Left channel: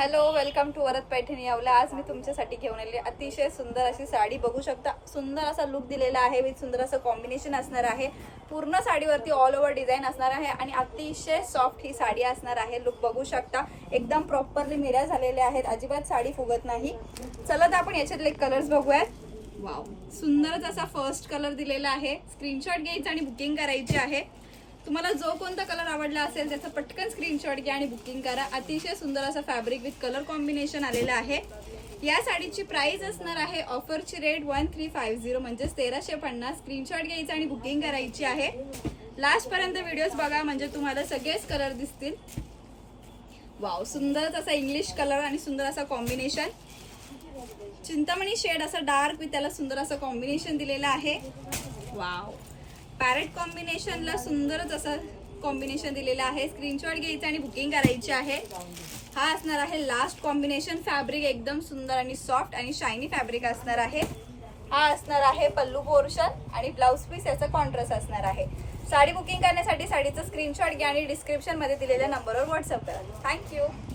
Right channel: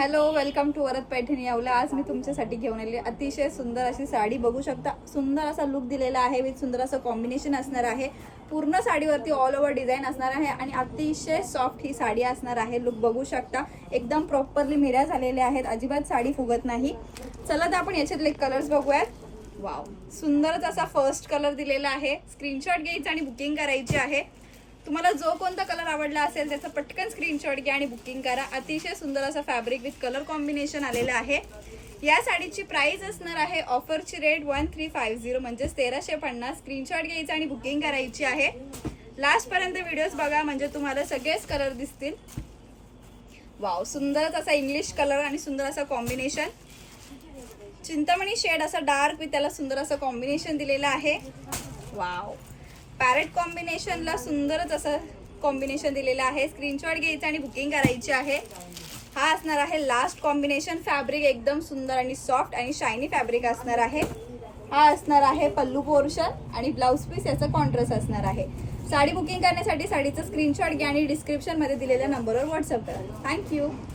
Hello, welcome to Varad Paithani Yeola. आज मी तुमच्यासाठी घेऊन आले अतिशय सुंदर अशी साडी. बघू शकता, सुंदर असा लुक दिलेला आहे विथ सुंदर असं कॉम्बिनेशन असणार आहे. पूर्ण साडीवरती ऑल ओव्हर डिझाईन असणार आहे आणि अतिशय सॉफ्ट ही साडी असणार आहे. लुक बघू शकता, एकदम प्रॉपरली मिऱ्या झालेल्या आहेत, अजिबात साडी फुगत नाही. चला तर आपण याच्यातले कलर्स बघूयात. वाव, सुंदरच असा फर्स्ट कलर दिलेला आहे. स्क्रीनशॉट घ्यायचा आणि बुकिंग करायची आहे. तुम्हाला जो कोणता कलर आवडला असेल त्याचा पटकन स्क्रीनशॉट घ्या आणि बुकिंग करा. अतिशय सुंदर असं फॅब्रिक विथ कलर कॉम्बिनेशन आलेलं आहे. या साडीची प्राइस असणार आहे, ऑफरची रेट 1350 म्हणजे 1350. स्क्रीनशॉट घ्यायचा आणि बुकिंग करायची आहे. लास्ट पर्यंत व्हिडिओज बघा म्हणजे तुम्हाला सगळेच कलर दिसतील. वाव, सुंदरच असा इंग्लिश कलर आणि सुंदर असा कॉम्बिनेशन. चिंतामणी शेड असा डार्क विथ त्याला सुंदर असं कॉम्बिनेशन दिलेलं आहे. वाव, पॅरेट कॉम्बिनेशनला सुंदरच असं कॉम्बिनेशन दिलेलं आहे. स्क्रीनशॉट घ्यायचा आणि बुकिंग करायची आहे. हा असणार आहे लास्ट कॉम्बिनेशन. फॅब्रिक एकदम सुंदर आणि सॉफ्ट आणि शायनी फॅब्रिक असणार आहे. हा असणार आहे पल्लू पोर्शन आणि ब्लाउज पीस याचा कॉन्ट्रास्ट असणार आहे. साडी बुकिंग करण्यासाठी साडीचा स्क्रीनशॉट घ्या आणि डिस्क्रिप्शन मध्ये दिलेल्या नंबरवर व्हॉट्सअप करा. थँक्यू.